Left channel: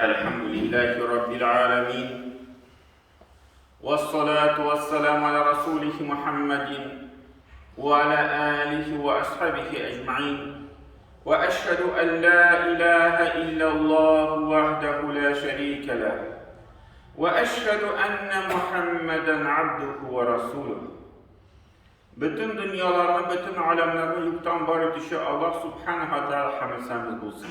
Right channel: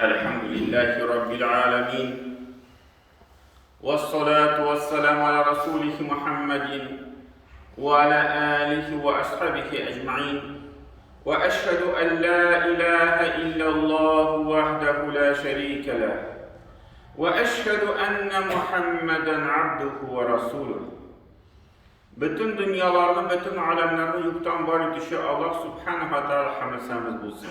Elhamdülillahi Rabbil alemin. Vessalatu vesselamu ala Resulih Muhammedin ve ala alihi ve ashabihi ecma'in. Ve eşhedü en la ilahe illallah vahdehu la şerike leh. Ve eşhedü enne Muhammeden abduhu ve rasuluh. Bütün dünyalarını, bütün alemlerini yoktan var edişi Allah subhanahu wa ta'ala hamdü bulsun.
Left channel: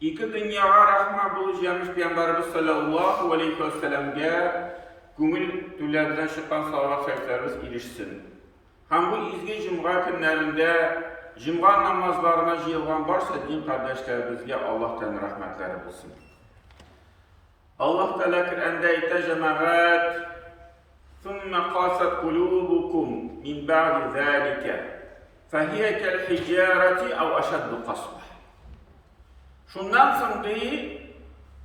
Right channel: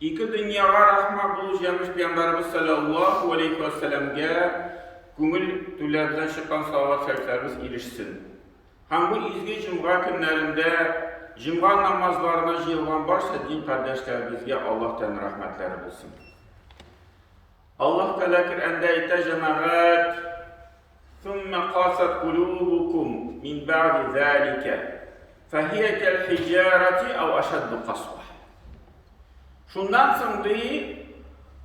İki dünyaya rahmet bulacağımız Peygamberimiz sallallahu aleyhi ve sellem'e gönül tüllerden çıkan salavat şeriflerimiz ilişsin. Hem bu izgi cumğa günlerinde cumğa namazlarına jıyılgan varsa din kardeşlerimizge Allah'tan rahmetleri bulsun. Allah Teala Kur'an'da ayette cemaat ثُمَّ قَاسَتْ قُلُوبُكُمْ مِنْ بَعْدِ ذَٰلِكَ فَهِيَ كَالْحِجَارَةِ اَوْ أَشَدُّ قَسْوَةً. Şundan sonra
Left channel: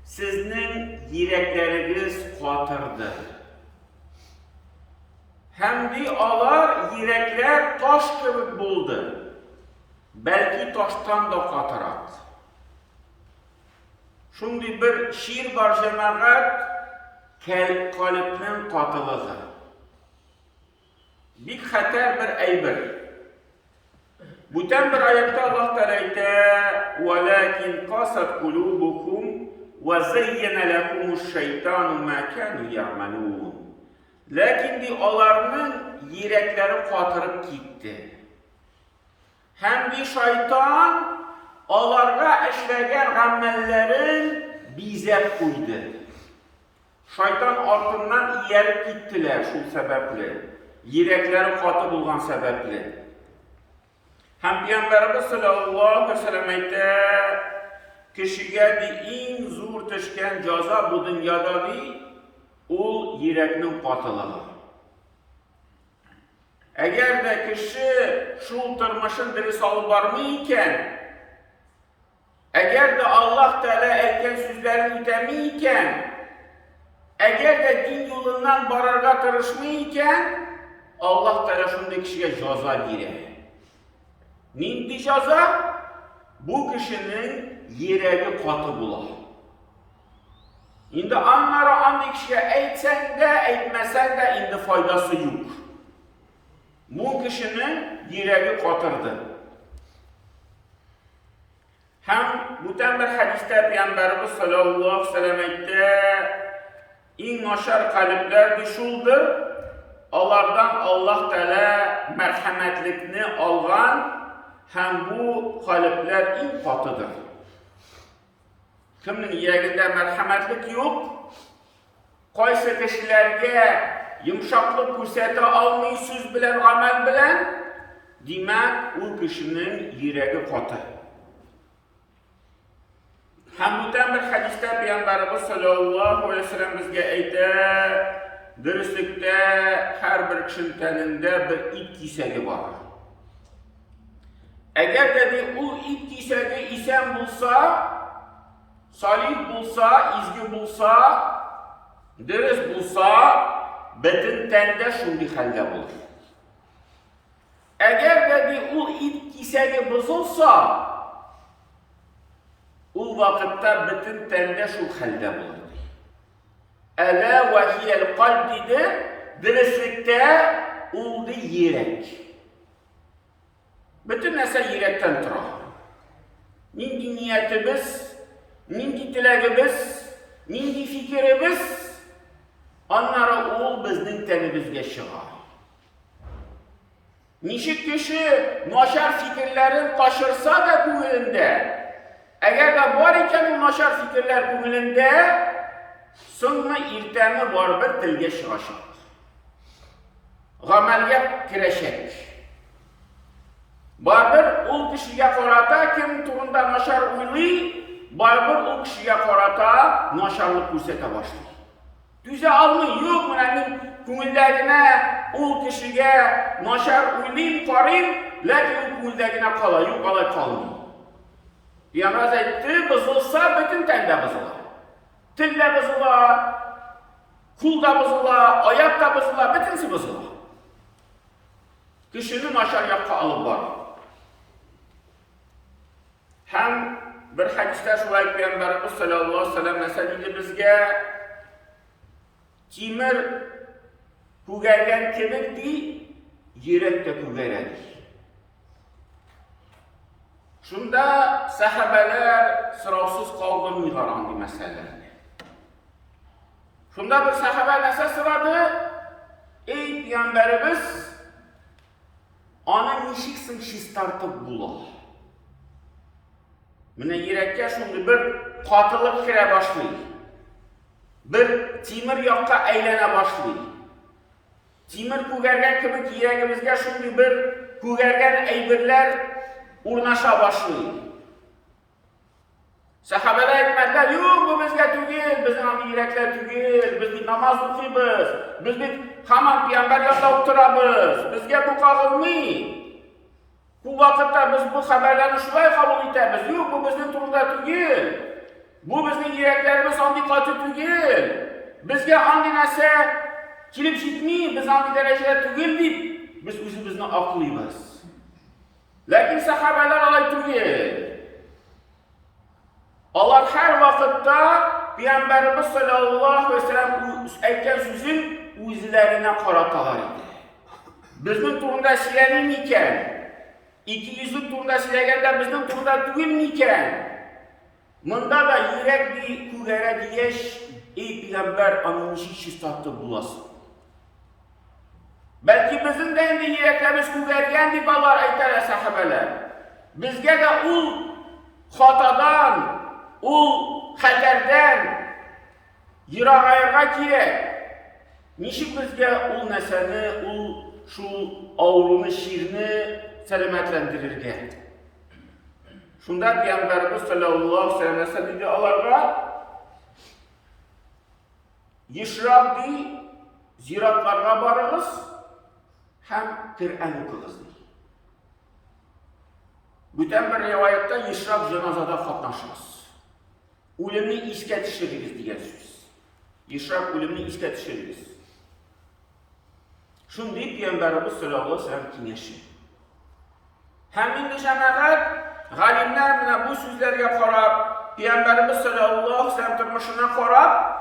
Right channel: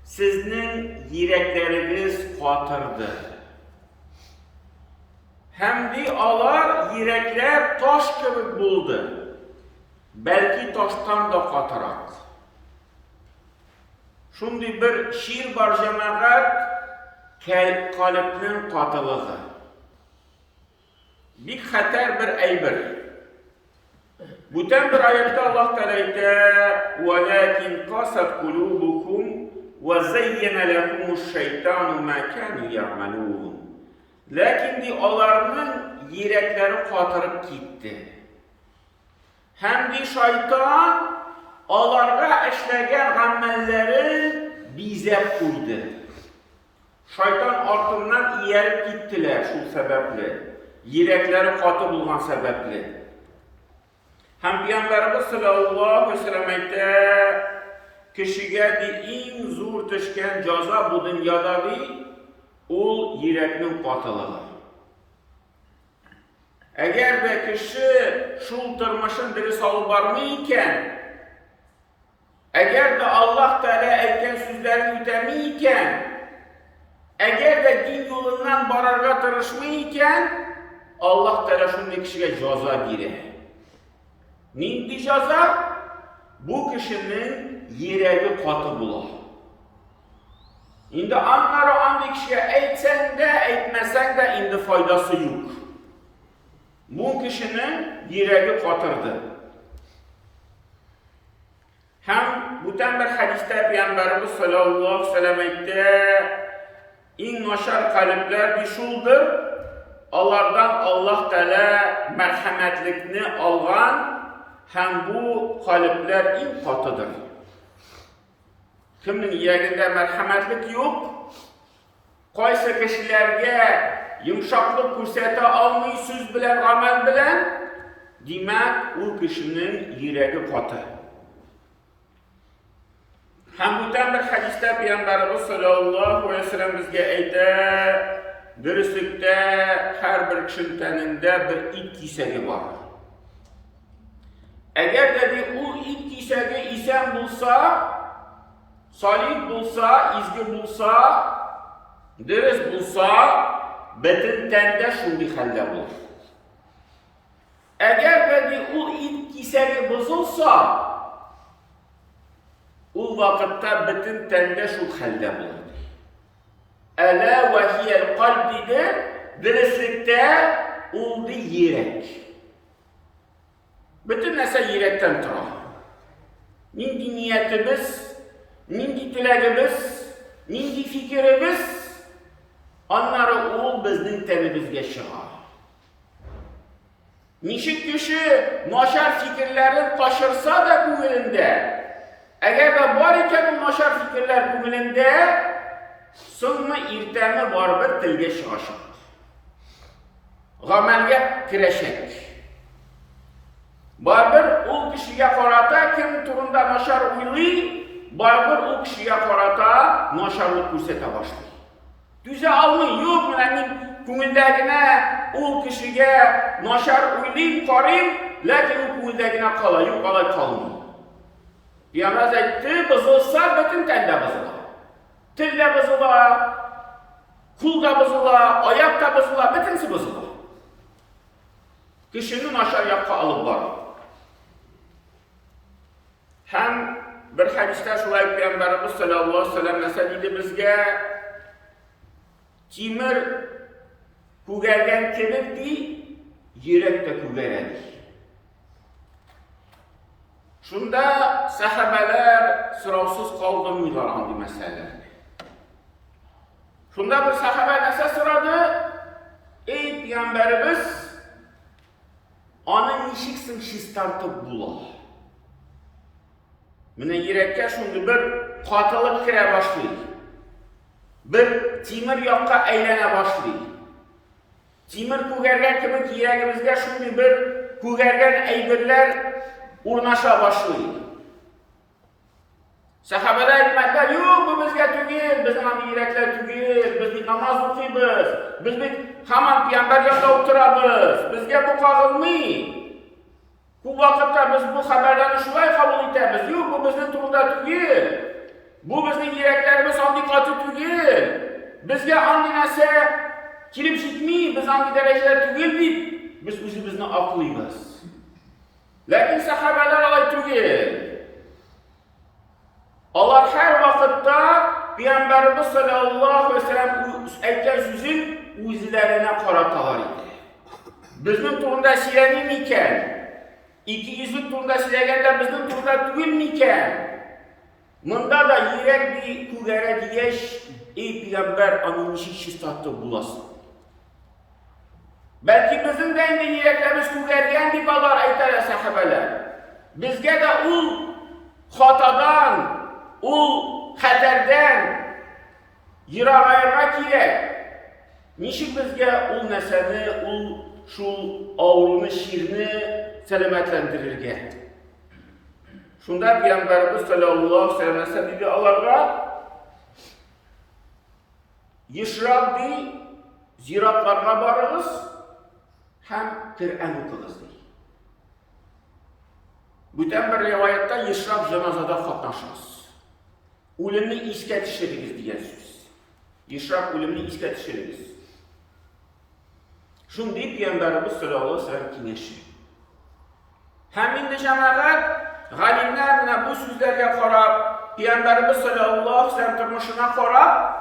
sizin yürekleriniz katırdı. Hem de alar yürekler taş gibi buldu. Belki taştan da katırak. Şimdi bir şiir var cemaat, kalbinin katılığı. Bir hater bir eybir. Bütün bir ayette Allah Teala ayette وَلَكِنْ قَاسَتْ قُلُوبُكُمْ وَزَيَّنَ لَكُمُ الشَّيْطَانُ مَا كَانُوا يَعْمَلُونَ. Lakin de onların yürekleri katırıp gitti. Hem de şeytan onlara işlegen amellerin bize koydu. Şeytan ardından yerip gittiler şu sebeple. Yürekleri katı bulgan sebeple. Hem Peygamberimiz sallallahu aleyhi ve sellem ayette kişiye de en zor düşken ceza bu dünyada de ol yürekinin katılığı. Eğer de kişi şu tırmışın diri salı barmıyken, eğer de Allah Teala aytgan sözlerini ütemiyken, eğer de din yolundan bararga tırışmıyken, Allah Teala şunday kişiye ceza verir. Nindi ceza? Bu kişinin yüreği katı bular. Şimdi anlara andi kişiye eğitsen de eğitmesen de indi faydası yok. Bu kişinin yüreği katırdı. Hem bütün bir hadiste Peygamberimiz sallallahu aleyhi ve sellem ayette en naşar kalpler düşüldür. Onlardan Allah Teala merhametlikini algan hem bu kalpler en katıdır. Kiminin yüreğinde merhametlik yok, kaysa kişilerge yumuşaklık görsete almayı söz bilen, amel bilen, demek o kişinin yüreği katı. Hem bu bir hadiste Peygamberimiz sallallahu aleyhi ve sellem bizge aytdı, dürüstlükte her bir kişinin teninde bir ip kesegi var. Eğer dedi o ip kesegi isen bulsa, salih bulsa, izgi bulsa, dürüst bulsa, bütün tende şundi halde bulur. Eğer dedi o ip kesegi bozulsa, o vakitte bütün tende şu halde bulur. Ela ve hiyel kalb dedi, dürüstlükte oldu yürek. Bütün nese yürekten tırar. Nindi niyetimiz, nindi dileğimiz, nindi fikrimiz, onlara ol bizning tenimizge çıgar. Nişik kişi naşar fikirlerin taşırsa da gönlünde, eğer de var iken o naşar fikirler gönlünde, sonra irtemi var bir tilge çıkacak. Gamelge kireşek. Barbir o kişiye karata kim turunda naşar uyluy, barbir o kişiye karata naşarlık görsete başlıyor. Düze almayı yok mu emin kümüldegine o kişiye naşar uylayım, karayım, lakin o kümüldegine kalay, yok kalay kalmıyor. Peygamber etti, bozulsa bütün tende bozula. Tilde bozula, kulda bozula, ayakta bozula, bütünsi bozula. Kişinin naşar yapka alıp var. Hem bir hadiste şulay Peygamberimiz sallallahu aleyhi ve sellem mesela dedi bizge timir kugergen kibirdi, yürek de kugeredi. Şunda sahabeler sıravsız kaldırmıyorlar andi meselelerini. Şunda bir sahabe nese sıradı? Ey Peygamberimiz, anı nişiksin şiz tartıp bula. Mine yürekке şunda bir katılık kire başlayır. Bir timir yakka eylene başlayır. Timir kugergen gibi yüreğimizde şunda bir kugergen eybirler urnaşa başlayır. Sahabeler etmediler, yok bu bizge tügil, bizim abi yürekler tügil, biz bir namaz okuyuz, biz bir hemen Peygamber yanında oturabız, bizge bu kağılmıyor. Bu vakitte biz bu haberlerini şuraya kabul ederiz, yok bu bizim turunda tügil, bu bizim yüreklerimiz andikatı tügil, bizge andi nese kilip şitmiyor, biz andi derecede tügil deyip, biz özümüzden aklıyız. Lakin sahabeler alay tügil. Allah her vakitte Peygamberimiz sallallahu aleyhi ve sellem aytgan sözün o'zlariga qaratalar edi. Bizning turunda silanimikan? 200'lük turunda silaganda bizning turda tugilmikan? Munda da yürek bir kugara diyeş, ey Peygamber anın şistatı bulasın. Belki bizim de endi yüreklerimiz kugargan deb alar aytlar sahabeler. Bizge de ul hatadan, ul xatardan yiroq ayırga kerak. Nishik bizge ul nasani, ul şu avruni shirni salomatlantirirga. Shunda Peygamberimiz sallallohu alayhi ve sellem dedi alarga yishrab di ziratlarga barıgız hem Kur'an okuyuz di. Bütün bir rivayette yishrab janozada qatnaşırız. O'limni esga tushiramiz degan so'z. Yishrab o'limni esga tushiramiz. Shunday Peygamberimiz sallallohu alayhi ve sellem kengashi. Ham endi jamoat g'alimlar mana bu so'zlarga qarab, Peygamberimiz sallallohu alayhi ve sellem turmushina qarab,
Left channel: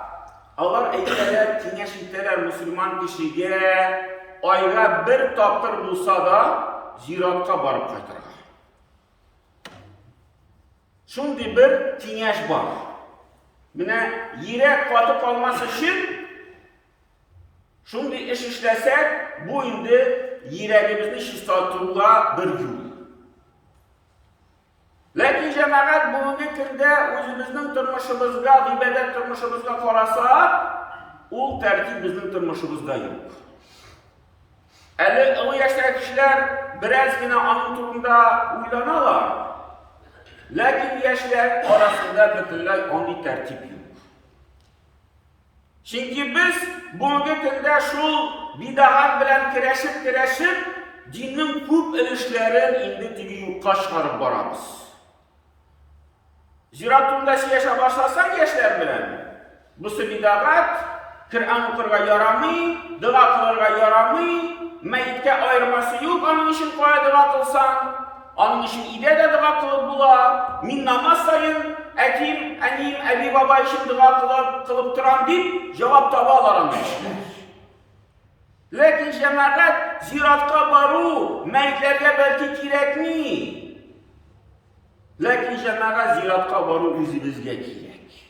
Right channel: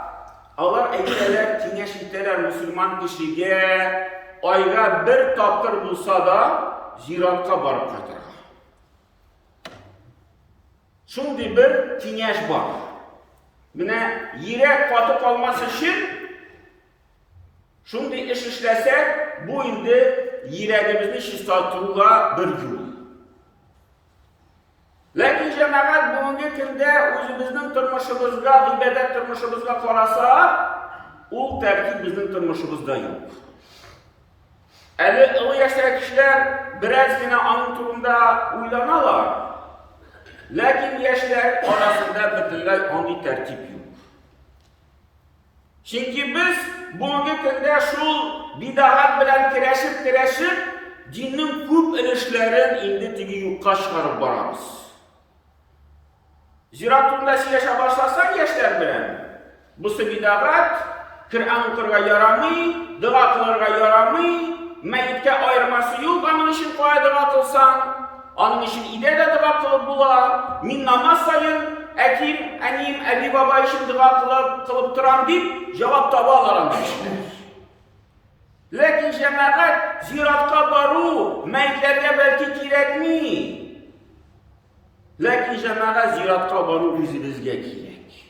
ular aytadilar, kengash aytadilar musulmon kishiga oyga bir toptir bo'lsa da ziyoratga borib qaytargan. Shunday bir kengash bor. Mana yurak qotib qolmasi uchun shunday ish ishlasak, bu endi yuragimizni shifotga bir yo'l. Lakin jamoat bugungi kunda o'zimizning turmushimizga, ibodat turmushimizga qarasa, u tarkib bizning turmushimizda yo'q. Ali o yaştaki kişiler birazgina onun turunda uylanalar. Lakin yaşlar arasında bütünlüğü onun tertip yok. Çünkü biz bugünkü günde şu bidahat bilen kireşip dinin küp ilişlerin indi tigi yukka çıkarıp baramız. Zira turunda yaşa başlasan yaşlar bilen. Bu bidahat Kur'an okurga yaramay, dua kılırga yaramay, Meyitke ayırması yok, onun için koya dua kılsan, onun için ide de dua kılıp bula, min namaz sayın, etim, enim, abi baba için dua kılıp duran deyip, cevap tabalarım demişler. Lakin cemaat ziratka baru, meyitlerge belki kirek mi? Lakin cemaat ziratka baru yüzümüzge kirek.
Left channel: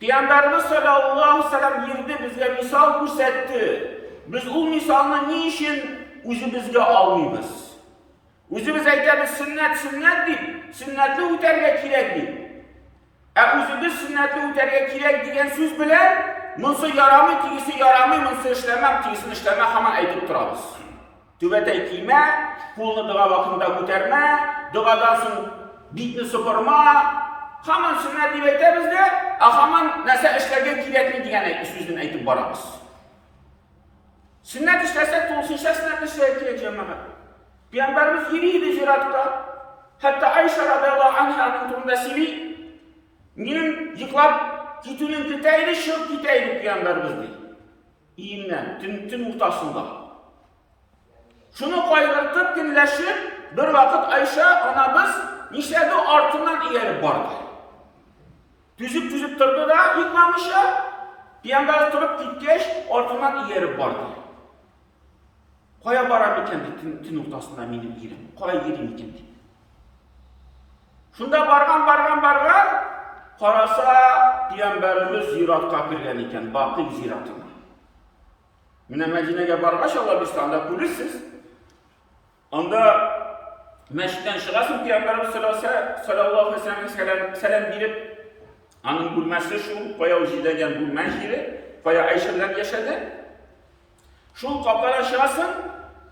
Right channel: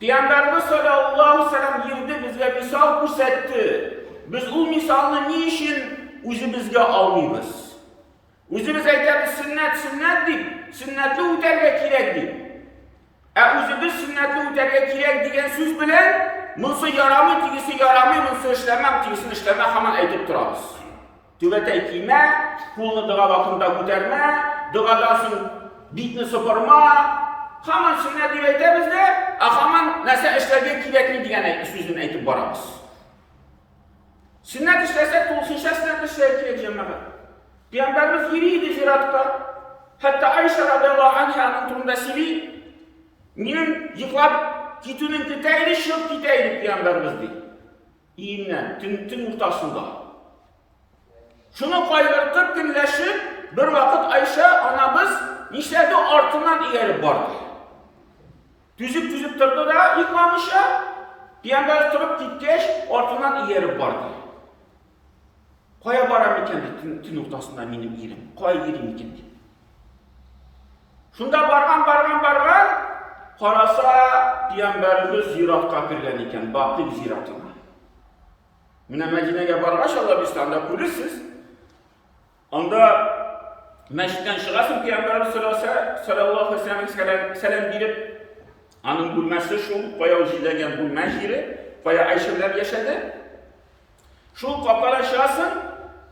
Peygamberimiz sallallahu aleyhi ve sellem yirdi bizge misal kursetti. Biz o misalını niçin özümüzge almayız? Özümüz aytamiz sünnet deyip, sünnetli o'targa kerak deyip. Özümüz sünnetli o'targa kerak degan so'z bilan, bunisi yaramay, tigisi yaramay, bunisi ishlamam, tigisini ishlamay hamon aytib turamiz. Tövbete kiyma, qo'lni duo vaqtida ko'tarma, duodan so'ng bitni supurma, hamon sunnat deb aytamizda, hamon narsa ishlarga kerakli degan so'zni aytib boramiz. Sünnet işlerse tulsunşa sünnet işler kerak cemaat. Peygamberimiz yiriydi ziratka. Hatta Ayşe radıyallahu anh'ın turunda sili, benim yıklap gitinin kitaydı, şık kitaydı Peygamberimiz deydi. İyimden, tün ortasında. Şunu kaygırtıp günleşip, bir vakit Ayşe anamız nişledi artıından ileri bardı. Düzüp durdu da yıkmamışa, Peygamber durup gitkeş, artıından ileri bardı. Koya baram iken de tün ortasında benim yerim, koya yerim iken de. Şunda bargan, qarasa Peygamberimiz ziyaratga kirgen iken, Baqi ziyaratına. Mine Medine'ye bargaş Allah biz anda kulürsüz. Onda meşritten çıgasın Peygamberimiz sallallahu aleyhi ve sellem selam verip anın bulması şu, koya uzidegen bulma yeri, koya Ayşe bilen yaşadı. Şu kapkala çıgasın,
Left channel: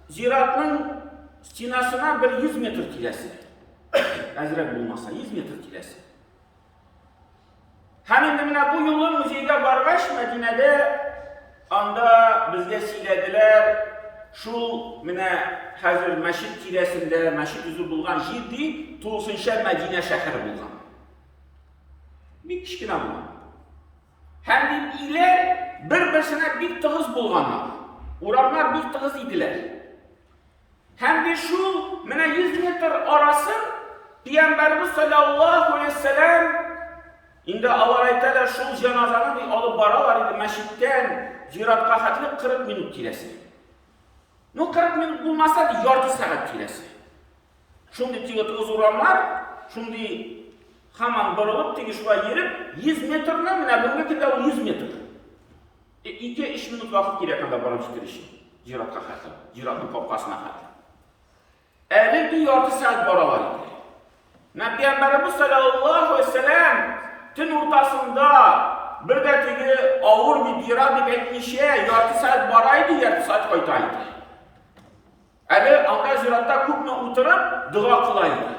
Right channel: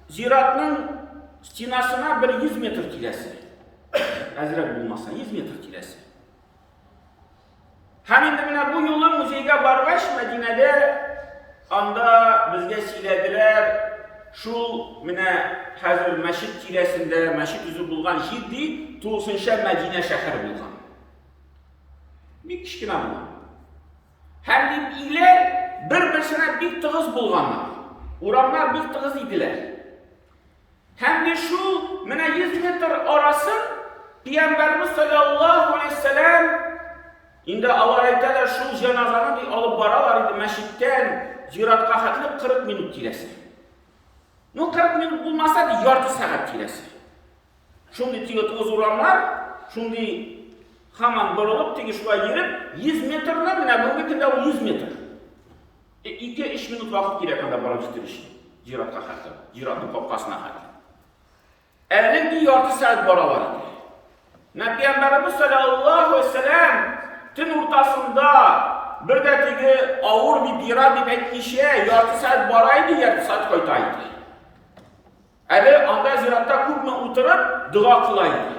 ziyaratının stinasına bir 100 metre kilesi. Azrak bulmasa 100 metre kilesi. Hemen de bu yolun müzeyge bargaş Medine'de anda bizge silediler. Şu mine hazır meşit kilesinde, meşit yüzü bulgan jirdi, Tulusunşa Medine şehri bulgan. Bir kişkine bulgan. Hem de iler birbirine bir tığız bulganlar. Uramlar bir tığız idiler. Hem de şu mine 100 metre arası Peygamberimiz sallallahu aleyhi ve sellem indi avarayteler şu cenazanı bir alıp baralar idi meşitten ziyaratga hatlı 40 minut kilesi. No 40 minut bulmasa da yarım saat kilesi. Şimdi tığız uramlar, şimdi hemen barılıp teki şuva yerip 100 metrine mine bunun kinde o 100 metre. 2-3 minut vakit gerekende barıp jitirişi. Ziyaratga hatlı, ziyaratın kopkasına hatlı. Elin bir yarım saat baralar idi. Peygamberimiz sallallahu aleyhi ve sellem tün ortasında bir de teki ağır bir bira deyip etmişe yarım saat baraydı, yarım saat koytaydı. Eli anda ziratta kupma oturup dua kılaydı.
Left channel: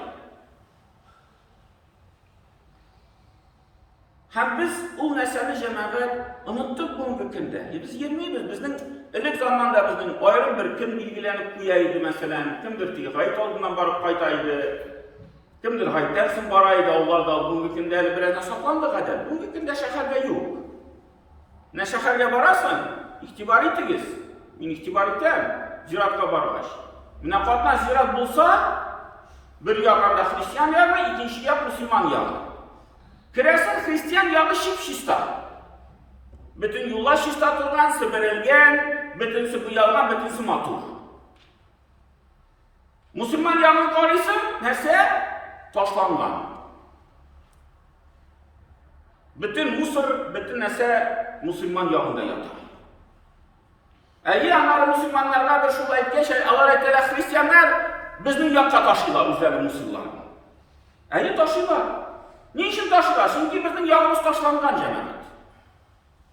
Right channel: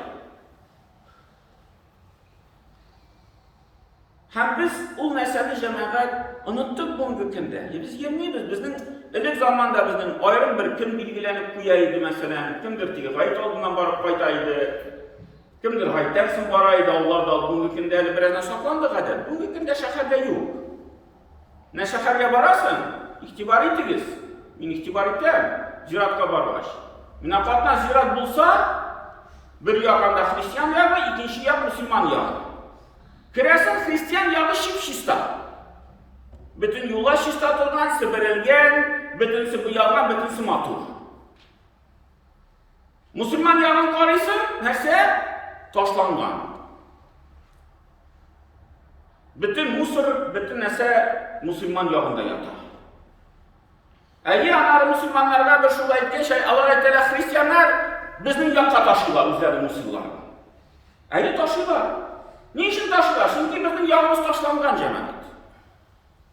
Hem biz o neseli cemaat unuttuk bugünkü günde. Biz yemeyiz. Bizden ilk zamanda bizden ayrım bir kim bilgilenip koyaydı mesela. Kimdir teki gayet olduğundan barıp koytaydı. Kimdir haytansın baraydı Allah da bugünkü günde biraz saklandı kadar. Bugünkü günde şehirde yok. Ne şehirge barasın? İhtibar itigiz. Min ihtibar item. Ziratka barbaş. Min katna zirat bulsa bir yakanda Hristiyan yağı, ikinci yak Müslüman yağı. Kiresin Hristiyan yağı şipşista. Bütün yola şista turgan, sıbırılgen, bütünsi bu yağdan, bütünsi matur. Müslüman yağın karısı neyse? Taşlangan. Bütün Mısır, bütün neyse Müslüman yağında yatar. Eğer anarı Müslümanlarga bir şurada etken şey Allah ettiler Hristiyanlar bizden yakka taşıyorlar üzerinde Mısırların. Eğer taşıyorlar. Niçin taşıyorlar? Çünkü bizim yağımız taşlangan cemaat.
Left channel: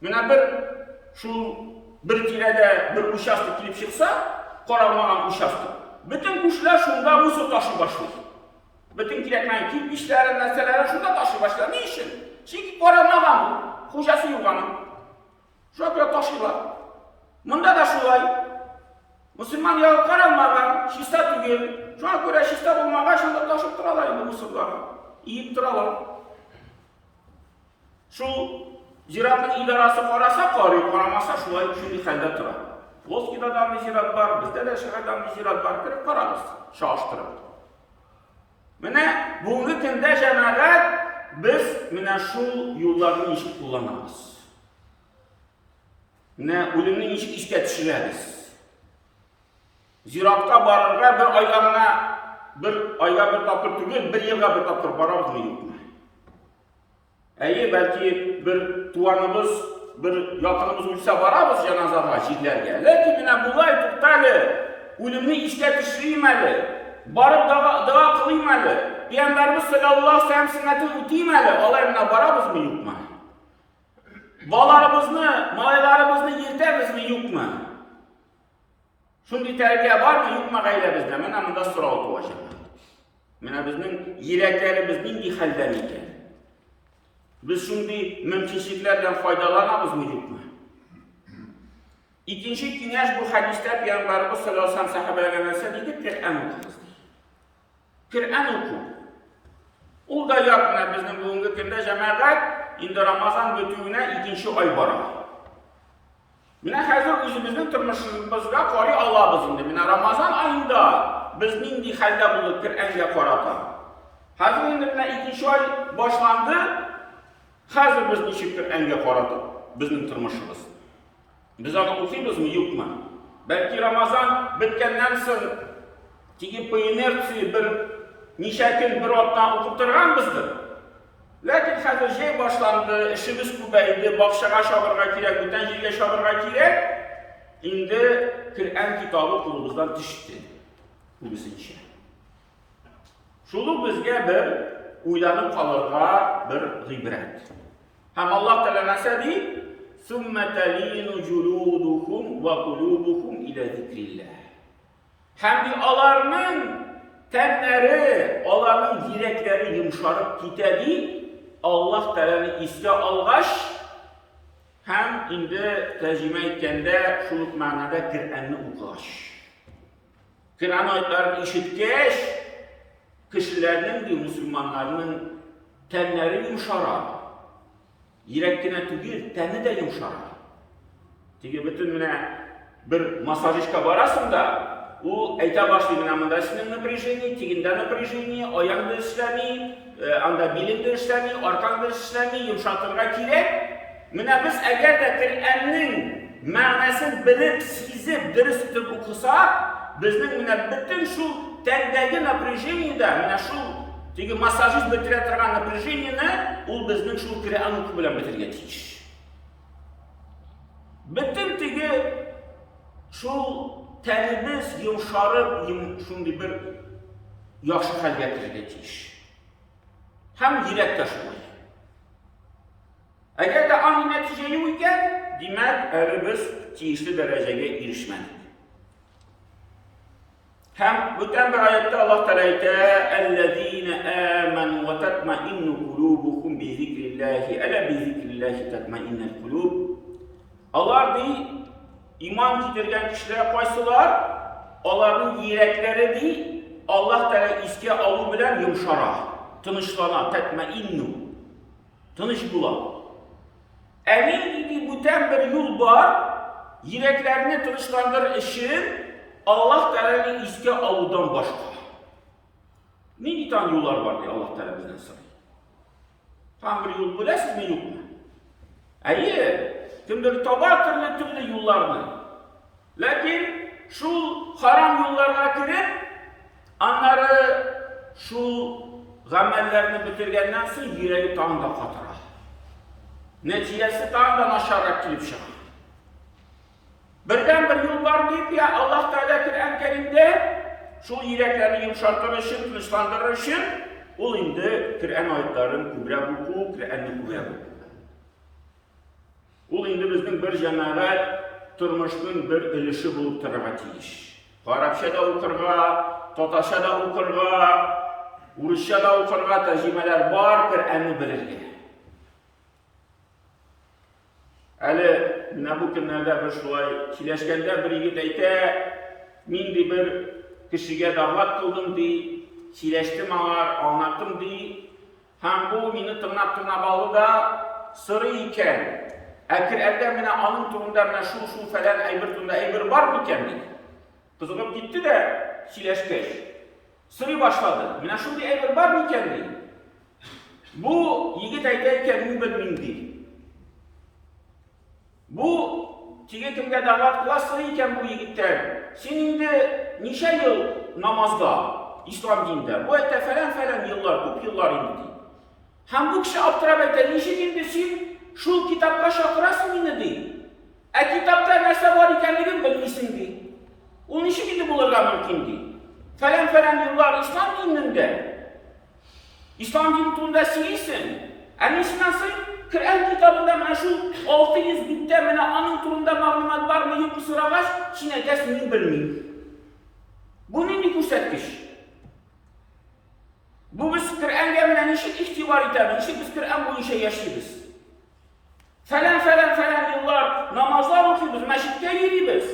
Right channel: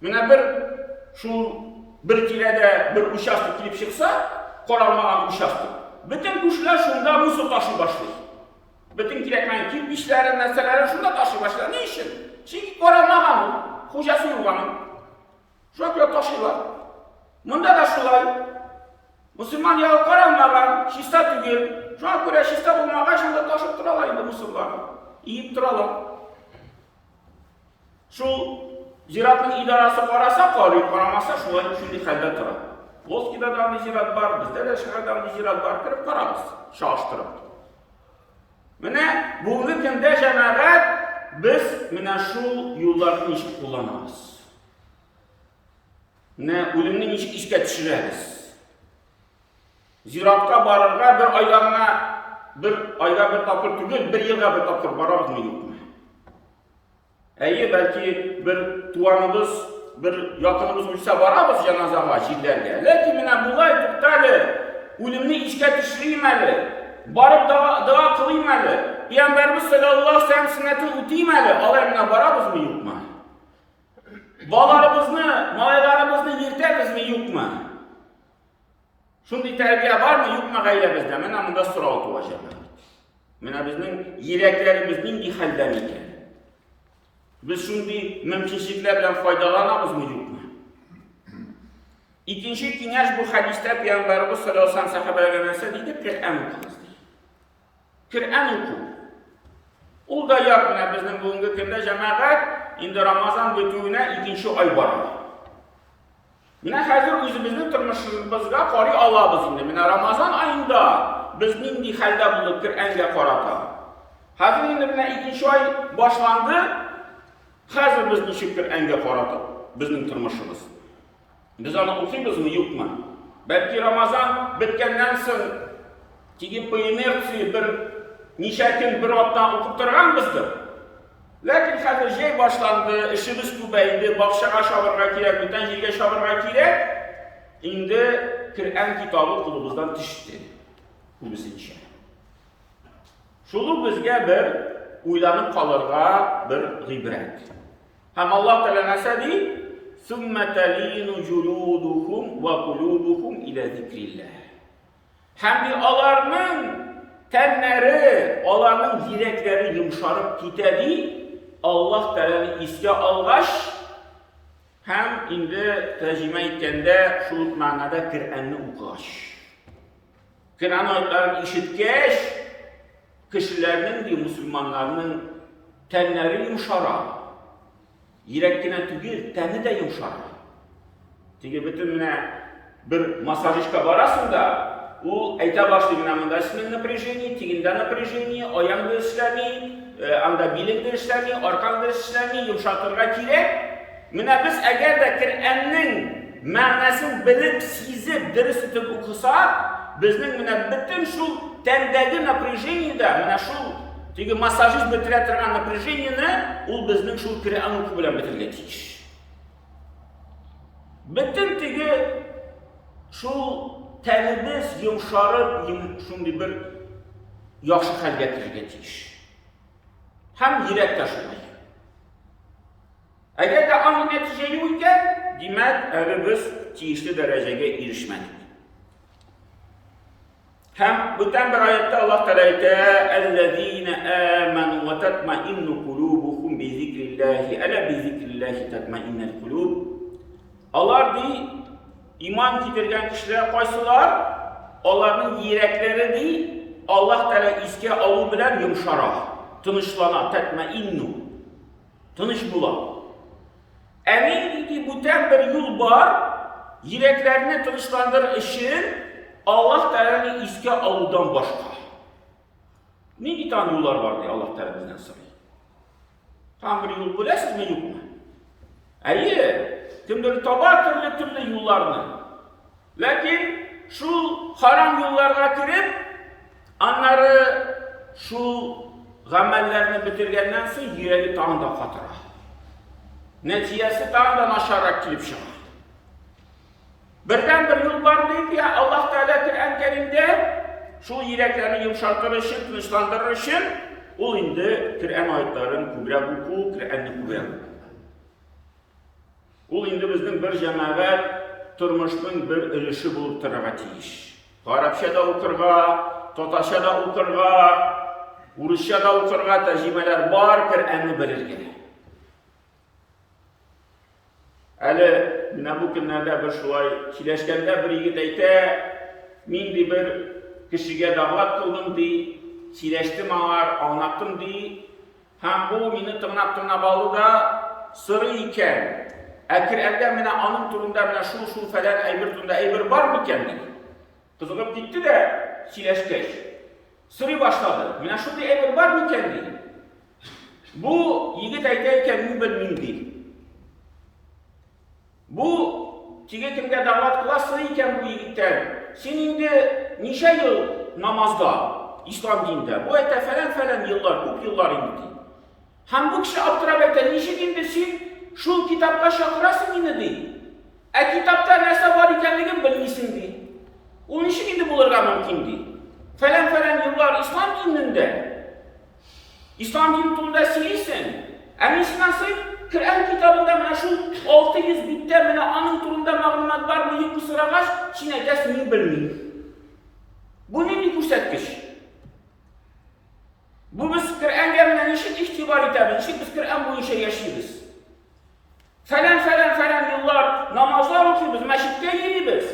Mine bir tirede bir uşastı kilip çıksa, koralmagan uşastı. Bütün kuşlar şunda Mısır taşı başlıyor. Bütün kirekmen kilip işlerin, neselerin şunda taşı başlıyor. Niçin? Çünkü koralmagan o. Hocası yuvanın. Şu an taşıyorlar. Bunda da şulay. Müslüman yağı koralmagan, şista tügül. Şu an göre şista bulmagan, şunda taşıp duralar indi Mısırlar. İyip duralar. Şu ziratın idarası korasa, koramasa şulay şimdi halde tura. Volski'da bir zirat var, bizde de şehirden bir zirat var, kirip koramız, şaştırıp. Mine bugünkü günde cemaat biz mine şu yollarını işi kullanamız. Ne ölümünü işe düşüreriz. Ziratka barırga bir ayga bir tapır tügül, bir yılga bir tapır barabız mı yok mu? Belki bir tuvanımız, bir yakınımız uçsa barabız cenazaga, jirlerge. Lakin mine bulay tuktali, ölümünü işe düşürmeli, barıp dua kılıymalı, Peygamberimiz sallallahu aleyhi ve sellem sünnetini ütüymeli, alay mine barabız mı yok mu? Balarımızı, malaylarımızı yirtemiz mi yok mu? Şundi terbiye var mı yok mu gayle bizde? Mene bunda sıra otuacak. Mene bizden yüreklerimizin bir halden iken. Biz şundi mümkünlüklerden faydalanamız mı yok mu? İkinci güneş bu hadiste Peygamberimiz sallallahu aleyhi ve sellem sahabelerine dedi, Kur'an okuyuz. Kur'an oku. O da yok mene bizden bugünkü günde cemaat indi Ramazan bütüğüne ikinci ay bara. Mine hazır özümüzün tırmışımızga qori Allah'ız indi. Mine Ramazan ayında bizning bir halda bulup Kur'an'ga qarata. Hazır indi buna 2-nji oy başlandı. Hazır biz nişik Qur'anga qaratıp bizning turmushimiz. Biz onu okuymizmi, yo'qmi? Belki Ramazan bitkenden so'ng tigi po inersiya bir necha kun bir otdan o'qib turganmizdir. Lakin hazır jey başlandı, ishimiz ko'paydi, bog'chaga sho'g'irga kerak, butun yerga sho'g'irga kerak. Endi Qur'on kitobi qo'limizdan tushdi. Bu bizincha. Şunu bizge bir uylanıp kalırga bir gibret. Hem Allah Teala nasa deyil? ثُمَّ تَلِينُ جُلُودُهُمْ وَقُلُوبُهُمْ إِلَى ذِكْرِ اللّٰهِ. Hem de onların tenleri, onların yürekleri yumuşarıp gitedi. Allah Teala'nı iske algaç, hem indi tercüme etkende şu manada Kur'an'ı okugaç. Kur'an ayetlerini işitgeç, kişilerinin, Müslümanlarının tenleri yumuşara. Yürekkine tügül, teni de yumuşara. Çünkü bütün bir masajişka barasın da, o ayta başlığına mında isminin напряжение, tiginden напряжение, ayağında işlemi, anda bilingde işlemi, arkanda işlemi yumuşatırga kirek. Biz eğer de Kur'an'ın manasını bilip, sizip, dürüst etip okusak, bizning bütün şu tendagi напряжение'da, şu çünkü masajist bitiretirgan напряжение'ni ul bizning şu Qur'on o'qib bilan bitirga tegish. Bütün tigi şu tenimiz yumsharib, shunday bir yaxshi holga kirishga tegish. Ham yurakda shunday. Agar da aynı natija yo'q ekan, demak, biz tegishli darajaga erishmadik. Hem bütün bir ayette Allah Teala ayette اَلَّذ۪ينَ آمَنُوا وَتَتْمَئِنُّ قُلُوبُهُمْ بِذِكْرِ اللّٰهِ اَلَا بِذِكْرِ اللّٰهِ تَتْمَئِنَّ الْقُلُوبُ. Allah değil, iman getirgen kişilere koysalar, onların yürekleri değil, Allah Teala iske alı bilen yumşara, tınışlana, tetmeinnu, tınış bula. Emin ki bütün bir yol var, yüreklerini tınışlandır için, Allah Teala'nın iske alıdan başka. Ne bir tane yollar var diye Allah Teala bizden soruyor. Tam bir yol bilesiniz mi, yok mu? Kimdir tabar türlü yollarını. Lakin şu haram yollarga kirip, onları şu gamellerini bitirgenden sonra yüreği tağında katıra. Neticesi tağından aşağı kilip çıkar. Birden bir yol var deyip ya Allah Teala Kur'an-ı Kerim'de şu yüreklerini yumuşatır için, tınışlandırır için o indi Kur'an ayetlerin kubra hukuku, Kur'an'ın kubra hukuku. O indi bizning bir cemaat turmushning bir ulushi bo'lib turarga tegish. Arabchada o'qirga, Totoshada o'qirga, Urushchada o'qirga tarjimalar bor Qur'anni bilirga. Ali bu kunlarda bir shulay kelishganda bir yigit ayta, men bir kishiga da'vat qildim de, kelishdim anar, anlattım de, ham bu meni tirnab oldi da, siri ekan. Qur'onda meni onun turunda şu falan aybir turunda aybir var mı ekan dedi. Qiziqib ketdi de kelishgach. Siri başladı. Meni shunday aybir var mı ekan dedi. Bu yigit aytayotgan men bilmayman dedi. Bu kimga da'vat qilasiz ekan bu yigitdan? Sen endi necha yil namozda, islom dinida? Bu ayta falan yillar, ko'p yillar endi. Ham bu kishi abtirab aytadi, "Nechik endi sen şu kitapga chaqirasiz meni deydi. Kitapda narsa bor ekanligini bilmaysan deydi. U nechik endi bo'larga mumkin deydi. Falan yillar islom dinida. İslam dini turida siylaysan. Ana shundan so'ng Qur'on kitobida mana shu 600 bitta mana onun turunda ma'lumot bormi yo'qmi so'ragach, sen aytasiz men bilmayman. Bu nima ko'rsatkich? Bu biz Qur'onga mana nechik e'tibor etamiz, nechik biz Qur'on bo'yicha yashaymiz. Falan yıllar namazlar okuyuz, meşritte yürüyoruz.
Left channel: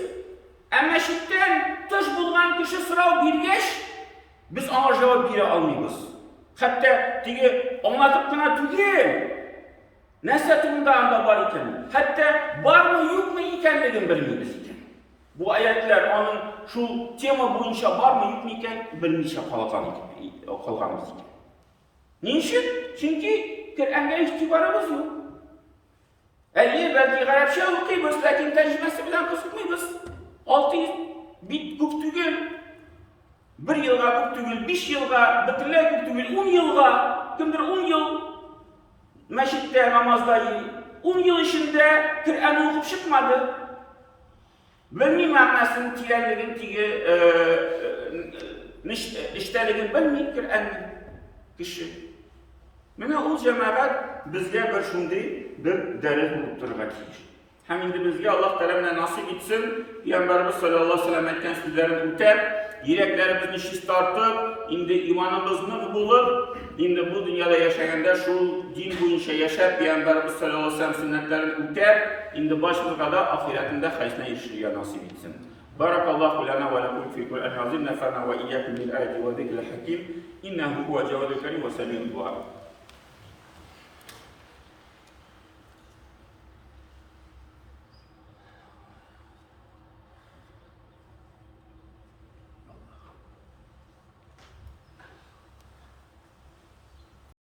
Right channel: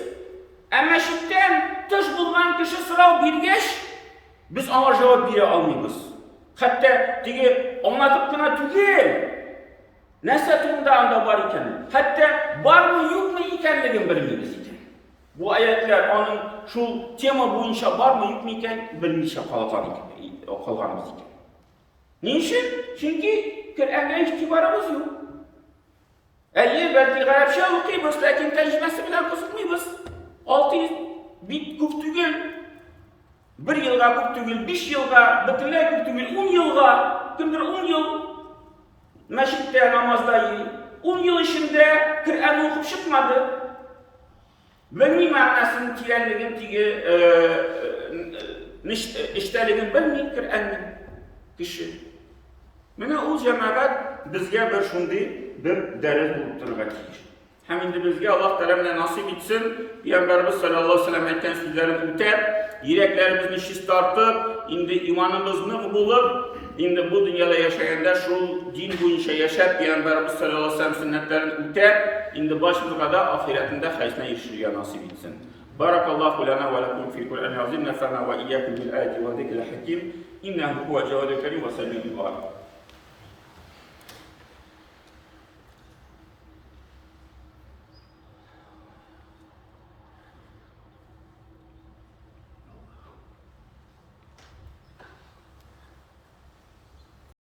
Meşritten tuş bulgan kişi sırav birgeç, biz ona cevap bire almıyoruz. Hatta diye anlatıp kına tügel. Neyse turunda anda var iken, hatta var mı yok mu ikenligini bilmiyoruz iken. Bu ayetler onun şu tema boyunca var mı yok mu iken bilmeyişe kalganımız iken. Niçin? Çünkü Kur'an'a ihtibarımız yok. Belki Arapça okuyuz, lakin tercümesi bilen kızıkmıyız. 600 bit küp tügül. 1 yılga küp tügül, 5 yılga, bitirler küp tügül, 10 yılga, kimdir 10 yıl meşritte, namazda yeri. 10 yıl içinde Kur'an'ı okup çıkmadı. Bilmeyi manasını tiyenligin, işteligin bilmeyi Kur'an'ın kişi. Mene o cemaat bizge bir şundi bir deriz bulup durga tiyir. Hem indi bizge Allah Teala'na nasip etsin. Peygamberimiz sallallahu aleyhi ve sellem aytgan sözlerini üter, yüreklerimizni şiş tartıp, indi imanımızını bulup, indi bu dünyada yaşayanda şu din boyunca yaşap Peygamberimiz sallallahu aleyhi ve sellem sünnetlerini üter, indi başımıza da ahiretinde haysına erişirge nasip etsin. Barakallahu lana ve lekum fil Kur'an-ı azim, nefa'na ve iyyakum bil ayati ve zikril hakim. İnnehu huve cevadul kerim ve semi'ul du'a.